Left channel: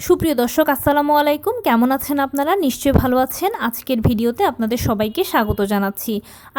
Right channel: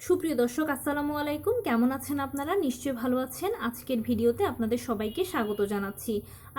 সুপ্রিয় দর্শক, আসসালামু আলাইকুম। কেমন আছেন আপনারা? নিশ্চয়ই ভালো আছেন। আজকের ভিডিওতে আপনাদের সবাইকে স্বাগত জানাচ্ছি।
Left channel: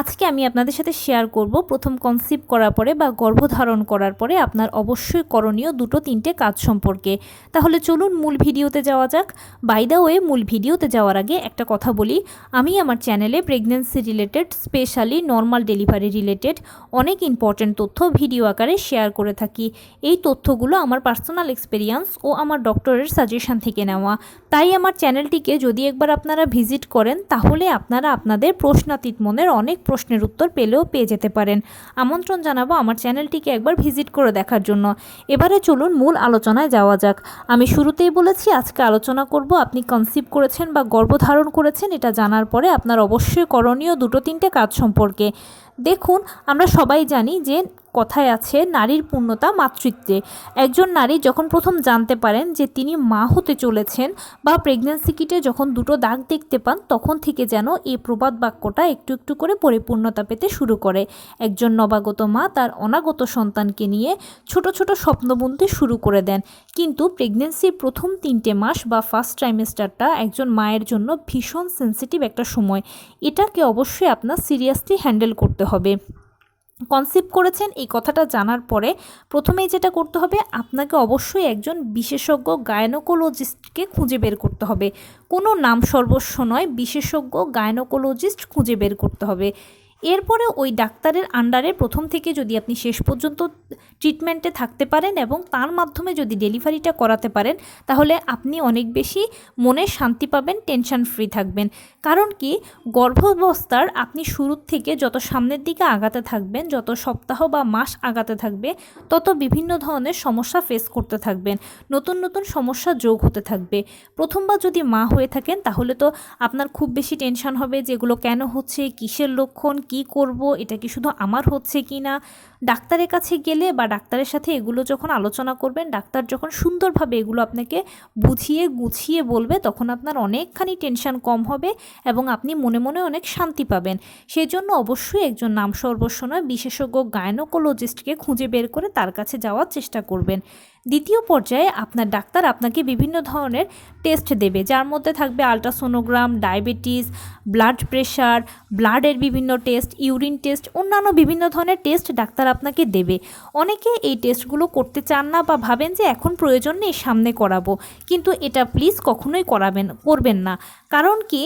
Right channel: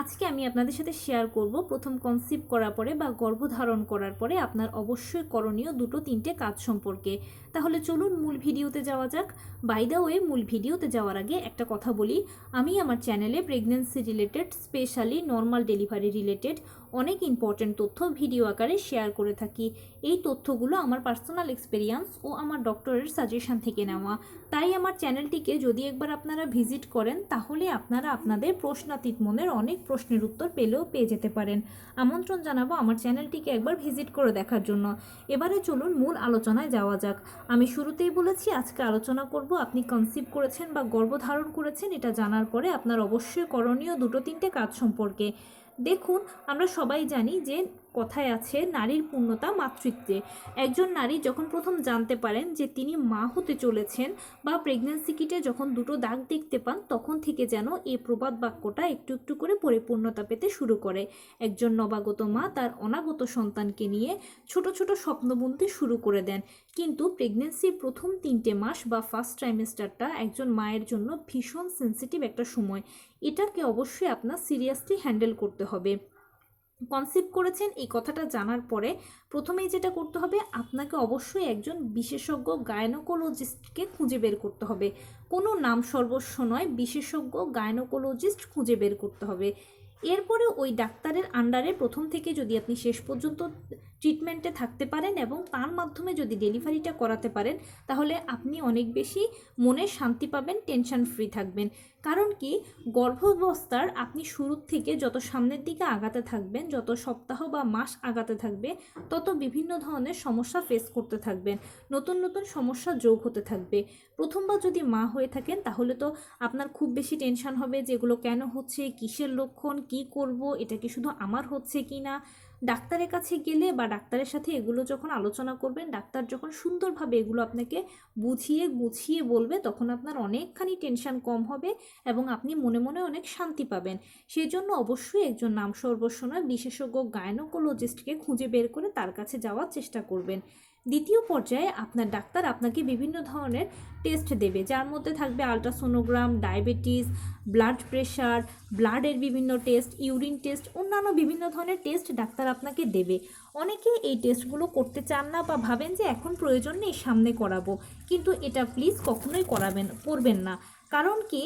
আজকে আমি আপনাদের সাথে শেয়ার করব। প্রথম কনসিভ করার পরে বা গর্ভধারণ করার পরে আপনার অবশ্যই করণীয় দুটো তিনটে কাজ সম্পর্কে। তাহলে চলুন মূল ভিডিওতে যাওয়া যাক। বাই দ্য ওয়ে মূল ভিডিওতে যাওয়ার আগে একটা কথা বলি। আমি আমার চ্যানেলে pregnancy related specially normal delivery related অনেক ইম্পর্ট্যান্ট তথ্য ভিডিও আকারে শেয়ার করে থাকি। এই তথ্যগুলো আমার পার্সোনাল এক্সপিরিয়েন্স ও আমার ডক্টরের সাজেশন থেকে নেওয়া। তাই আমার চ্যানেলটিকে যদি একবার আপনারা ভিজিট করেন, তাহলে আপনারা আপনাদের প্রশ্নাতীত মনের অনেক প্রশ্নের উত্তর পেলেও পেয়ে যেতে পারেন। আমন্ত্রণ জানাব আমার চ্যানেলটিকে একবার ভিজিট করে দেখার জন্য। এবারে চলুন মূল আলোচনায় যাওয়া যাক। আমি শুরুতেই বলেছি, আজকে আলোচনা করব, আপনি কনসিভ করেছেন বা গর্ভধারণ করেছেন, এটা জানার পরে আপনার অবশ্যই করণীয় দুটো তিনটে কাজ সম্পর্কে। দেখুন, আমরা সবাই জানি যে কথায় আছে, নারীর পূর্ণতা মাতৃত্বে। একজন নারী যখন প্রথম জানতে পারেন যে তিনি মা হতে চলেছেন বা প্রেগন্যান্সি কিটে যখন দুটো দাগ দেখতে পান, তখন থেকে যেন এই প্রবাদ বাক্যটা একটু একটু করে পরিপূর্ণতা পেতে শুরু করে। একজন নবাগত মা তার অনাগত সন্তানকে নিয়ে ছোট ছোট স্বপ্ন বুনতে শুরু করে দেন। কিন্তু প্রেগনেন্সির প্রথম তিনটে মাস বা ফার্স্ট ট্রাইমেস্টারটা একজন মায়ের জন্য ভীষণ সেন্সিটিভ একটা সময়। এটাকে অবশ্যই আপনার সিরিয়াসলি হ্যান্ডেল করতে হবে। কনসিভ করেছেন, এই কথাটা জানার পরে প্রথমেই যেটা করতে হবে, আপনাকে অবশ্যই একজন বিশেষজ্ঞ গায়নোকোলজিস্টকে খুঁজে বের করতে হবে। কোনো নাম সর্বস্ব নয়, বিশেষজ্ঞ গায়নোকোলজিস্ট খুঁজে বের করতে হবে। এরপরে ওই ডাক্তারের আন্ডারে প্রথম থেকে যদি আপনি শেষ পর্যন্ত ট্রিটমেন্টে থাকতে পারেন এবং তার মাধ্যমে যদি ডেলিভারিটা করাতে পারেন, তাহলে আপনি অনেক বেশি মনে শান্তি পাবেন টেনশন ফ্রি থাকবেন। কারণ কি? গর্ভাবস্থার আপনি শুরুর থেকে যত সামনের দিকে আগাতে থাকবেন, যত সপ্তাহ বা মাস আগাতে থাকবে, তত বিভিন্ন ধরনের সমস্যা ফেস করতে থাকবেন। নতুন নতুন সমস্যা যোগ হতে থাকবে। প্রথমবার যদি মা হয়ে থাকেন, তাহলে তো আপনার খুব বেশি টেনশন হবে যেগুলো কেন হচ্ছে, কিসের লক্ষণ, কি করব, এটা কি শুধু আমার হচ্ছে কি না ডাক্তারের কাছে গেলে বা ডাক্তারের সাথে এগুলো যখন আলোচনা করবেন, ডাক্তার যখন সুন্দরভাবে এগুলো আপনাকে বুঝিয়ে গুছিয়ে বলবে, তখন আপনার অনেকখানি টেনশন কম হবে এবং আপনি মনে মনে অনেক শান্তি পাবেন। সেই জন্য অবশ্যই একজন নাম সর্বস্ব নয়, বিশেষজ্ঞ গায়নোকোলজিস্টকে খুঁজে বের করে তার কাছে যাওয়ার চেষ্টা করবেন। দ্বিতীয় পর্যায়ে আপনার ডাক্তার আপনাকে বিভিন্ন ধরনের টেস্ট দেবে, যার মধ্যে থাকবে আলট্রাসোনোগ্রাম ডায়াবেটিস ব্লাড প্রেশার ব্লাডের বিভিন্ন টেস্ট ইউরিন টেস্ট অন্যান্য বিভিন্ন ধরনের টেস্ট ডাক্তার আপনাকে দেবে। অনেকে এই টেস্টগুলো করতে চান না বা ভাবেন যে এখন প্রয়োজন নেই, সামনে করাবো। কিন্তু এটা প্লিজ কখনোই করাবেন, করবেন না। কারণ কি?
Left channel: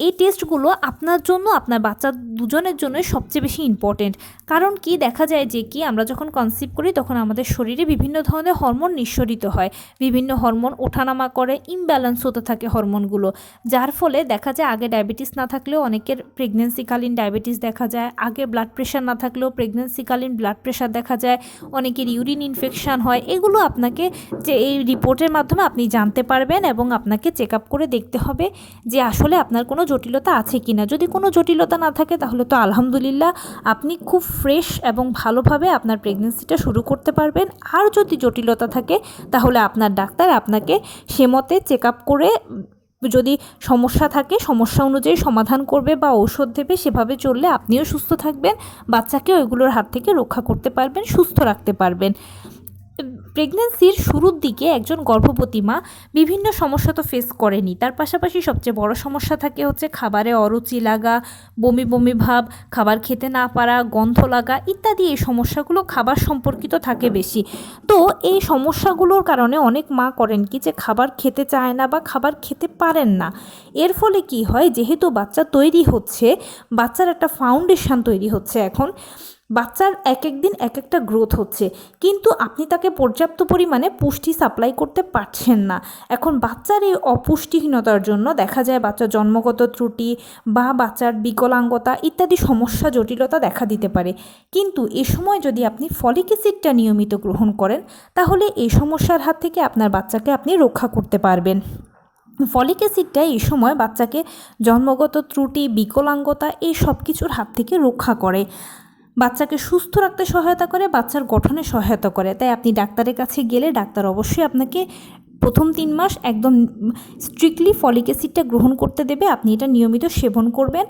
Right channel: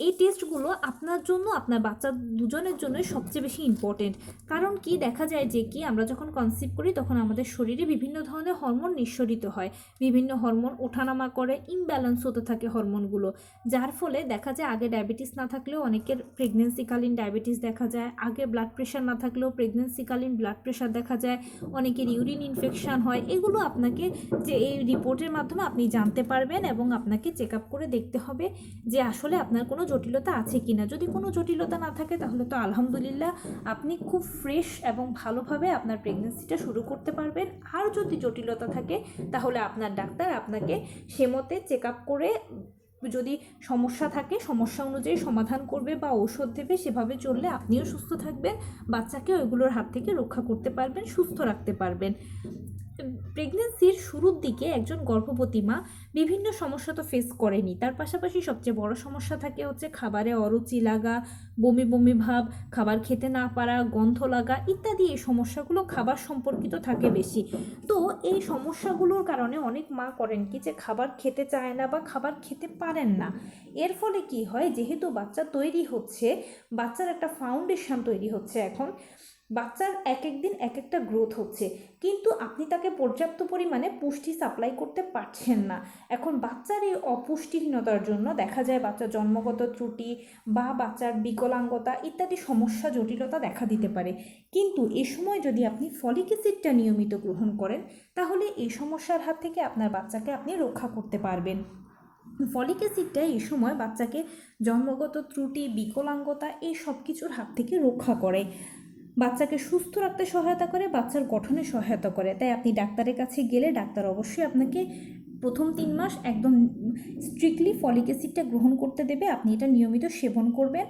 এই টেস্টগুলো আপনার জন্য, আপনার বাচ্চা দুজনের জন্য সবচেয়ে বেশি ইম্পর্টেন্ট কারণ কি? দেখা যায় যে কি? আমরা যখন কনসিভ করি, তখন আমাদের শরীরে বিভিন্ন ধরনের হরমোন নিঃসরিত হয়। বিভিন্ন হরমোন ওঠানামা করে ইমব্যালেন্স হতে থাকে হরমোনগুলো যার ফলে দেখা যায় আগে ডায়াবেটিস না থাকলেও অনেকের প্রেগনেন্সিকালীন ডায়াবেটিস দেখা যায়, আগে ব্লাড প্রেশার না থাকলেও প্রেগনেন্সিকালীন ব্লাড প্রেশার দেখা যায়, অনেকের ইউরিন ইনফেকশান হয়। এগুলো আপনাকে যে এই রিপোর্টের মাধ্যমে আপনি জানতে পারবেন এবং আপনাকে চেক আপ করে দেখতে হবে যে আসলে আপনার কোনো জটিলতা আছে কি না যদি কোনো জটিলতা না থাকে, তাহলে তো আলহামদুলিল্লাহ আপনি খুব ফ্রেশ এবং ভালোভাবে আপনার প্রেগনেন্সিটা শুরু করতে পারবেন। আর যদি জটিলতা থাকে, তাহলে আপনার ডাক্তার আপনাকে সে মতে চেক আপ করে, যদি সমস্যা থাকে, সমস্যা অনুযায়ী সমাধান করবে বা ঔষধ দেবে, সেভাবে চললে আপনিও সুস্থ থাকবেন বাচ্চাকে ওইগুলোর হাত থেকে রক্ষা করতে পারবেন, সুস্থ রাখতে পারবেন। প্রেগনেন্সির শুরুর দিকে একজন গর্ভবতী মা বিভিন্ন সমস্যা তো ফেস করেনি। তার পাশাপাশি সবচেয়ে বড় সমস্যা থাকে হচ্ছে খাবারে অরুচি লাগা, বমি বমি ভাব, খাবার খেতে না পারা, গন্ধ লাগা ইত্যাদি এই সমস্যাগুলো খাবার সম্পর্কিত থাকে বেশি। তো এই সমস্যাগুলোর কারণে অনেক মা করেন কি যে খাবার খেতে চায় না বা খাবার খেতে পারেন না। এর ফলে কি হয়? যেহেতু বাচ্চা তৈরি হচ্ছে, বাচ্চার একটা ফাউন্ডেশন তৈরি হচ্ছে এখন বাচ্চার এক এক দিন এক একটা গ্রোথ হচ্ছে। কিন্তু আপনি তাকে পর্যাপ্ত পরিমাণে পুষ্টি সাপ্লাই করতে পারছেন না। এখন বাচ্চার এই অপুষ্টিহীনতার জন্য দেখা যায় বাচ্চার জন্মগত ত্রুটি বা বাচ্চার বিকলাঙ্গতা ইত্যাদি সমস্যা, জটিলতা দেখা দিতে পারে। কিন্তু এ সময় যদি আপনি ফলিক অ্যাসিডটা নিয়মিত গ্রহণ করেন, তাহলে এই সমস্যার হাত থেকে আপনার বাচ্চাকে আপনি রক্ষা করতে পারবেন। ফলিক অ্যাসিডটা এই সময় বাচ্চাকে জন্মগত ত্রুটি, বিকলাঙ্গতা এই সব কিছুর হাত থেকে রক্ষা করে। বাচ্চাকে সুস্থ রাখতে সহায়তা করে, বাচ্চার গঠনে সহায়তা করে। তাই আপনি ডাক্তারের কাছে গেলে ডাক্তার অবশ্যই আপনাকে প্রথম তিন মাস একদম স্ট্রিক্টলি ফলিক অ্যাসিডটা গ্রহণ করতে দেবে। আপনি এটা নিয়মিত সেবন করবেন।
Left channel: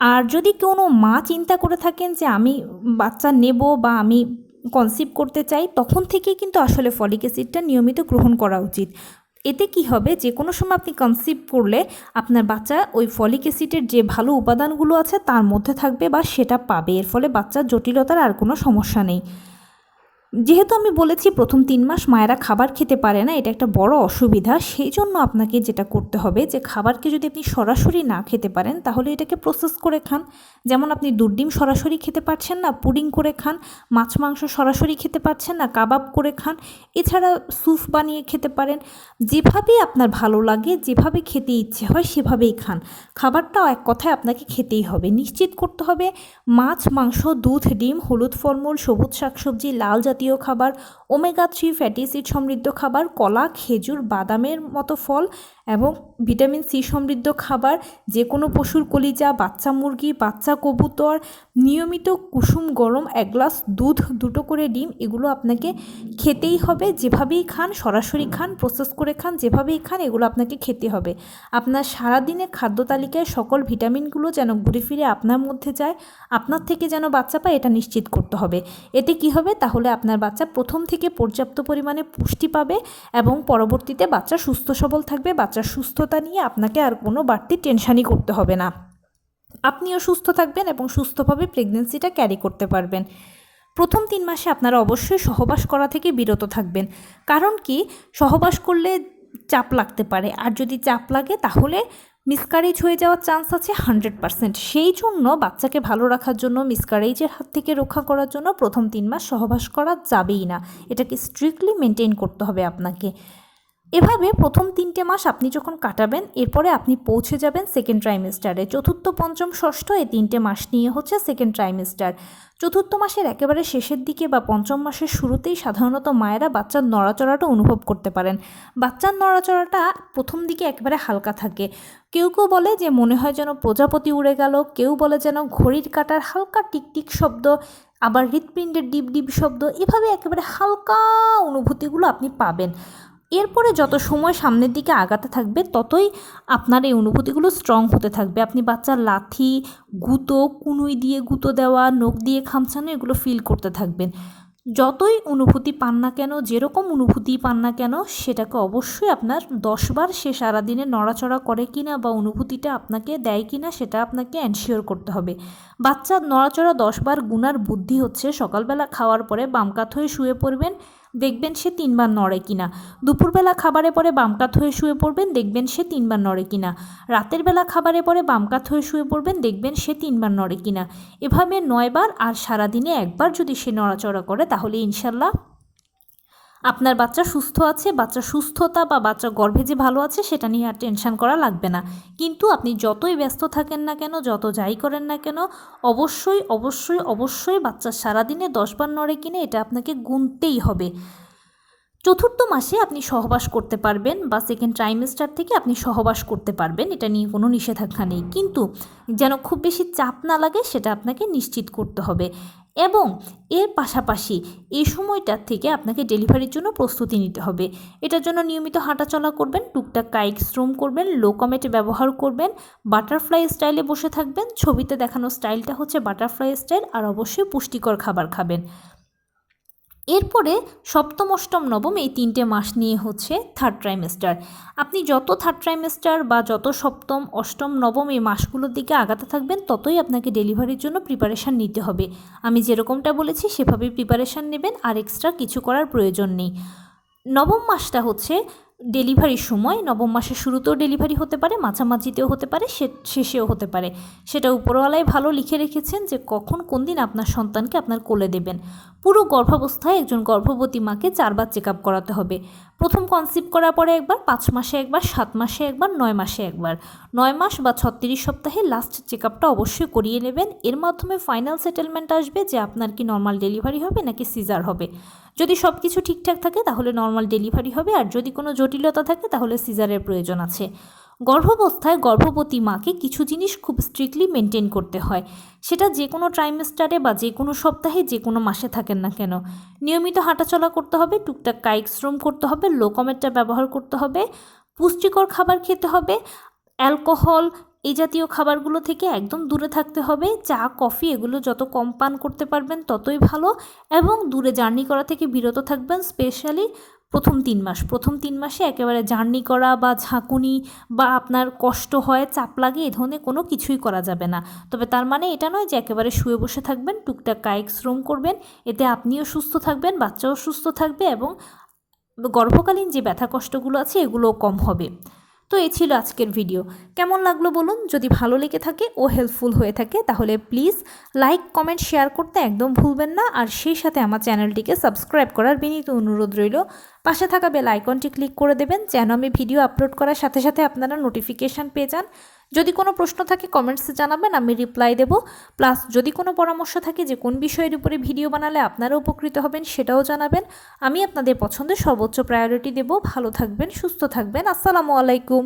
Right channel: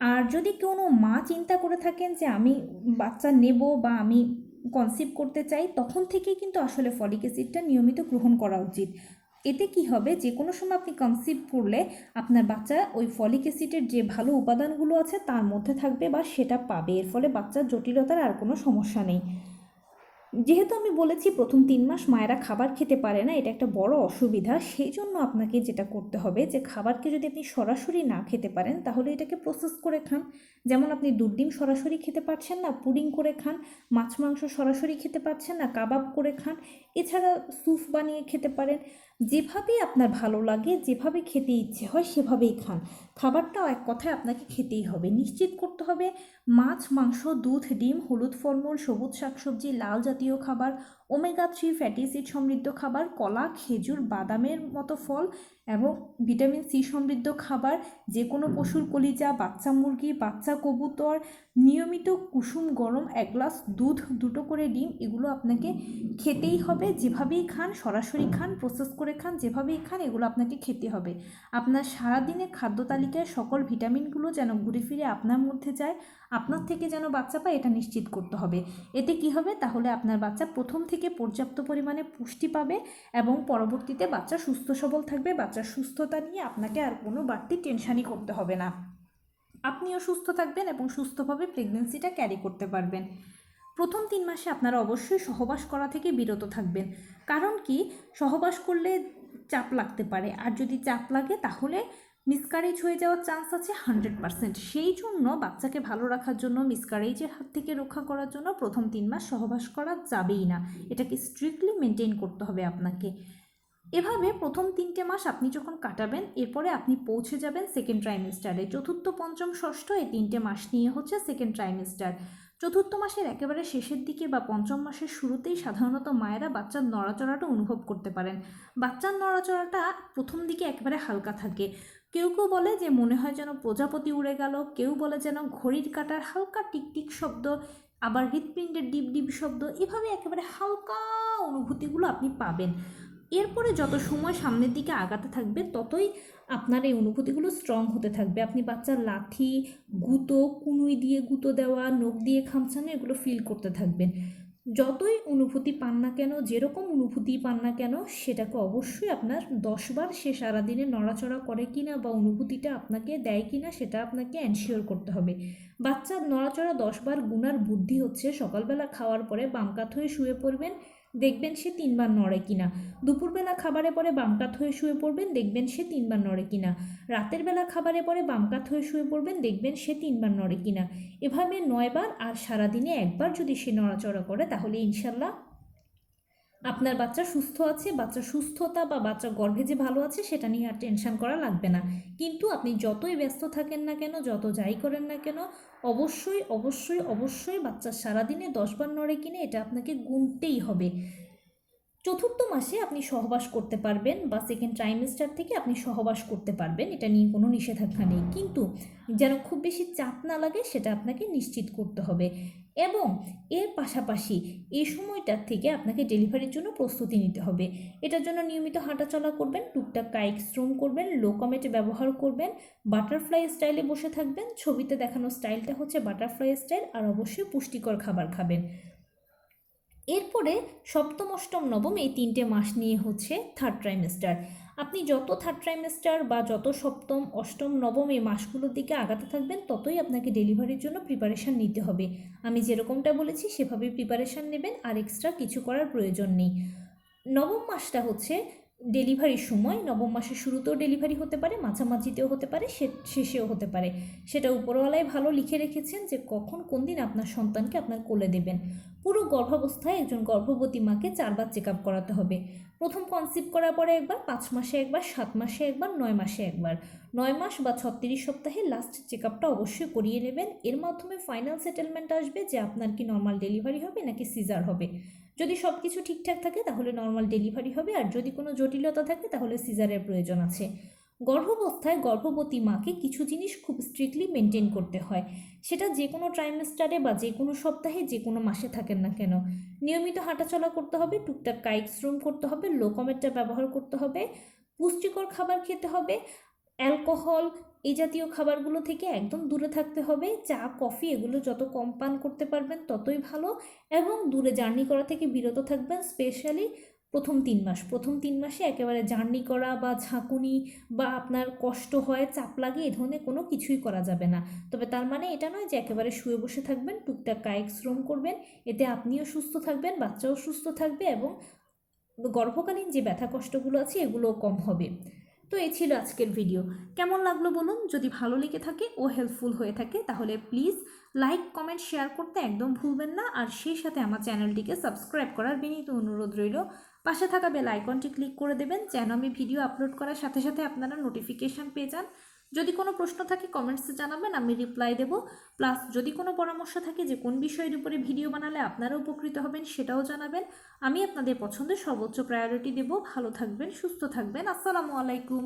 আর যদি কোনো মা চিন্তা করে থাকেন যে আমি বাচ্চা নেব বা আমি কনসিভ করতে চাই, তখন থেকে কিন্তু আসলে ফলিক অ্যাসিডটা নিয়মিত গ্রহণ করা উচিত। এতে কি হবে? যে কোনো সময় আপনি কনসিভ করলে আপনার বাচ্চা ওই ফলিক অ্যাসিডের যে ভালো উপাদানগুলো আছে, তার মধ্যে থাকবে বা সেটা পাবে। এর ফলে বাচ্চার জটিলতার আর কোনো সমস্যা নেই। যেহেতু আমি বলেছি প্রথম তিন মাস মায়েরা খাবার খেতে পারে না, এটা একটা বড় অসুবিধা, সেই জন্য আপনাকে যেটা করতে হবে যে খাবারকে যদি আপনি সরাসরি না খেতে পারেন, তাহলে এটাকে প্রসেস করে খান। যেমন আপনি দুধ ডিম সরাসরি খেতে পারছেন না, পুডিং করে খান, মাছ মাংস সরাসরি খেতে পারছেন না, কাবাব করে খান, এছাড়া স্যুপ বানিয়ে খেতে পারেন। যেভাবেই আপনার ভালো লাগে, যেভাবে খেতে ইচ্ছে হয় সেভাবেই খান। খাবারটাও এক কথায় আপনাকে খেতেই হবে। নিশ্চিত করতে হবে মাছ, মাংস, দুধ, ডিম, হলুদ ফলমূল, সবুজ শাকসবজি, লাল জাতীয় খাবার ওমেগা থ্রি ফ্যাটি অ্যাসিড সমৃদ্ধ খাবার, কলা, খেজুর, বাদামের মতো ফল এবং ভিটামিন সি সমৃদ্ধ খাবার যে কোনো পশুর কলিজা, বাচ্চা মুরগি, বাচ্চা কবুতর, নিয়মিত কুসুম, গরম, এক গ্লাস দুধ, দুটো করে ডিম, এগুলো আপনাকে খেতেই হবে। যেভাবেই খান, সরাসরি খান প্রসেস করে খান, যেভাবেই খান, এগুলো আপনাকে খেতে হবে। আপনার সারাদিনের খাদ্য তালিকায় সকল ভিটামিনগুলো যেন ঘুরে ফিরে আপনার মধ্যে যায়, আপনার থেকে যেন বাচ্চা পায়, এটা নিশ্চিত করতে হবে। এতে কি হবে? তাহলে আপনার বাচ্চা প্রথম থেকে পর্যাপ্ত পরিমাণে পুষ্টি পাবে এবং পরবর্তীতে বাচ্চা সুস্থ সবল থাকবে বাচ্চার সুস্থতা নিয়ে আপনাকে আর কোনো বাড়তি টেনশানই করতে হবে না। আপনিও সুস্থ থাকবেন এবং সুস্থভাবে প্রেগনেন্সিটা ক্যারি করতে পারবেন। প্রথম তিন মাসে আপনারা অবশ্যই সহবাস করা থেকে বিরত থাকবেন। কারণ কি? সহবাস করলে চাপ লাগতে পারে। আর যদি চাপ লাগে, তাহলে মিসকারেজ হয়ে যাওয়ার চান্স আছে হান্ড্রেড পারসেন্ট। সেই জন্য বাচ্চাকে ভালো রাখার জন্য মিসকারেজের হাত থেকে রক্ষা করার জন্য প্রথম তিন মাস সহবাস করা যাবেই না। এটাকে স্ট্রিক্টলি মেনটেন করতে হবে আপনাকে। এভাবে প্রথম তিনটে মাস আপনি যখন কাটাবেন, এরপরে আপনি পৌঁছে যাবেন সেকেন্ড ট্রাইমেস্টারে চতুর্থ, পঞ্চম, ষষ্ঠ এই তিনটে মাস নিয়ে হচ্ছে সেকেন্ড ট্রাইমেস্টার চতুর্থ মাসের একেবারে শেষের দিকে বা পঞ্চম মাসের শুরুতেই সাধারণত মায়েরা বাচ্চার নড়াচড়াটা অনুভব করতে পারেন। বাচ্চার নড়াচড়াটা প্রথম দিকে একেবারে হালকা থাকে। কেউ কেউ বলে যে মনে হয় যেন প্রজাপতি উড়ে গেল, কেউ বলে যেন ঘড়ির কাটার হালকা টিকটিক শব্দ, আবার হৃৎপিণ্ডের ডিপ ডিপ শব্দ, এভাবে একেবারে হালকা অনুভূতিগুলো আপনি পাবেন। এরপরে যত সময় সামনের দিকে আগাতে থাকবে, ততই আপনার এই অনুভূতিগুলো স্ট্রং হতে থাকবে। আপনি বাচ্চার লাথি, গুঁতো, কুনুই দিয়ে গুঁতো দেওয়া, নখ দিয়ে খামছানো, এগুলো ফিল করতে থাকবেন। যতই অনুভূতি পান না কেন, যেরকম অনুভূতি পান না কেন, সেটাকে অবশ্যই আপনার দশবার সে সারাদিনে নড়াচড়া করে কি না বা অনুভূতিটা আপনাকে দেয় কি না সেটা আপনাকে অ্যানশিওর করতে হবে। বাচ্চার নড়াচড়া দশবার গুনার বুদ্ধি হচ্ছে সকালবেলা খাওয়ার পরে বাম কাত হয়ে শুয়ে পড়বেন দেখবেন সে তিনবার নড়ে কিনা। দুপুরবেলা খাবারে পরে বামকাত হয়ে শুয়ে পড়বেন, দেখবেন সে তিনবার নড়ে কিনা। রাতের বেলা খাবারে পরে বামকাত হয়ে শুয়ে পড়বেন, দেখবেন সে তিনবার নড়ে কিনা। এভাবে নয়বার আর সারাদিনে একবার যদি সে নড়াচড়া করে, তাহলে ইনশাল্লাহ আপনার বাচ্চা সুস্থ আছে, বাচ্চা সুস্থতা বা বাচ্চা গর্ভে যে ভালো আছে, সেটা নিয়ে আর টেনশন করা লাগবে না। কিন্তু আপনি যতই ব্যস্ত থাকেন না কেন, যত যাই করেন না কেন, অবশ্যই অবশ্যই অবশ্যই বাচ্চা সারাদিনে দশবার নড়ে কিনে এটা আপনাকে গুনতেই হবে। চতুর্থ মাসে আপনি সহবাস করতে পারবেন বা সেকেন্ড ট্রাইমেস্টার থেকে আপনি সহবাস করতে পারবেন, এটা নিয়ে কোনো নিষেধাজ্ঞা নেই। কিন্তু যেন খুব বেশি চাপ না লাগে, সেটা আপনাকে নিশ্চিত করতে হবে। এবং এর পাশাপাশি এই সময়টার থেকে আপনাকে ডেলিভারির জন্য প্রস্তুতি নিতে হবে। এটার জন্য নিয়মিত হাঁটাচলা করবেন, টুকটাক কায়িক শ্রম করবেন লো কমেটে ব্যবহার করবেন বাটারফ্লাই স্টাইলে বসে থাকবেন, ছবিতে দেখানো স্টাইলটা হচ্ছে বাটারফ্লাই স্টাইল আর অবশ্যই পুষ্টিকর খাবার খাবেন। এরপরে সপ্তম, অষ্টম, নবম এই তিনটে মাস নিয়ে হচ্ছে থার্ড ট্রাইমেস্টার আপনি যত থার্ড ট্রাইমেস্টার বা যত সপ্তম, অষ্টম, নবম এই মাসগুলোর দিকে আগাতে থাকবেন, ততই আপনাকে ডেলিভারির জন্য প্রিপারেশান নিতে হবে। আমি যেরকমটা বলেছি সেভাবে প্রিপারেশান নেবেন, আর এক্সট্রা কিছু করার প্রয়োজন নেই। নবম মাসটা হচ্ছে ডেলিভারির সময়, নবম মাসের শুরুতেও ডেলিভারি হতে পারে, মাঝামাঝিতেও হতে পারে শেষেও হতে পারে। সেটা উপরওয়ালাই ভালো লিখে রেখেছেন যে, কখন কোন দিন আপনার সন্তানকে আপনার কোলে দেবেন। পুরো গর্ভাবস্থায় একজন গর্ভবতী মাকে চারবার চেক আপ করাতে হবে। প্রথম কনসিভ করার পরে একবার, পাঁচ মাসে একবার, সাত মাসে একবার, নয় মাসে একবার। নয় মাস বা ছত্রিশ সপ্তাহে লাস্ট চেক আপটা অবশ্যই করিয়ে নেবেন। এর মাধ্যমে ফাইনাল সেটেলমেন্ট আসবে যে, আপনার কি নর্মাল ডেলিভারি হবে নাকি সিজার হবে। যদি সব কিছু ঠিকঠাক থাকে, তাহলে নর্মাল ডেলিভারি হবে। আর যদি কোনো জটিলতা থাকে, তাহলে সিজারের প্রয়োজন আছে। গর্ভাবস্থায় গর্ভবতী মাকে কিছু জিনিস খুব স্ট্রিক্টলি মেনটেন করতে হয়। সেটা যে কোনো ট্রাইমেস্টারে বা যে কোনো সপ্তাহে, যে কোনো মাসে থাকেন না কেন। নিয়মিত হাঁটাচলা করতে হবে, টুকটাক কায়িক শ্রম করতে হবে লোকমেটটা ব্যবহার করতে হবে, পুষ্টিকর খাবার খেতে হবে অ্যালকোহল এই জাতীয় খাবারগুলো থেকে একদম দূরে থাকতে হবে। চা, কফি এগুলো যত কম পান করতে পারবেন ততই ভালো এবং দূরে জার্নি করা থেকে বিরত থাকবেন স্পেশালি প্রথম তিন মাস। প্রথম তিন মাসে একেবারে জার্নি করা বা ঝাঁকুনি বা আপনার কষ্ট হয়, চাপ লাগে এ ধরনের কোনো কিছুই করা যাবে না। তবে তার মানে এটা নয় যে একেবারে শুয়ে বসে থাকবেন, টুকটাক কায়িক শ্রম করবেন, এতে আপনিও সুস্থ থাকবেন, বাচ্চাও সুস্থ থাকবে এবং গর্ভকালীন যে ব্যথা কষ্টগুলো আছে এগুলোও কম হবে। তো এই ছিল আজকের ভিডিও কেমন লাগল বলুন? যদি ভালো লেগে থাকে ও হেল্পফুল হয়ে থাকে, তাহলে প্লিজ লাইক কমেন্ট শেয়ার করতে একদম ভুলবেন না। আর সেই সাথে আমার চ্যানেলটিকে সাবস্ক্রাইব করার বিনীত অনুরোধ রইল। পাশে থাকা বেল আইকনটি ক্লিক করে দেবেন, যেন আমি ভিডিও আপলোড করার সাথে সাথে আপনারা নোটিফিকেশান পেয়ে যান। যদি কোনো প্রশ্ন থাকে কমেন্টসে জানাবেন, আমি রিপ্লাই দেব। প্লাস যদি কোনো পরামর্শ থাকে যে কোন বিষয়ের উপরে ভিডিও বানালে আপনারা উপকৃত হবেন, সেটাও জানাবেন। আমি আপনাদের পছন্দের সর্বোচ্চ প্রায়োরিটি দেব। ভালো থাকবেন, সুস্থ থাকবেন। আসসালামু আলাইকুম।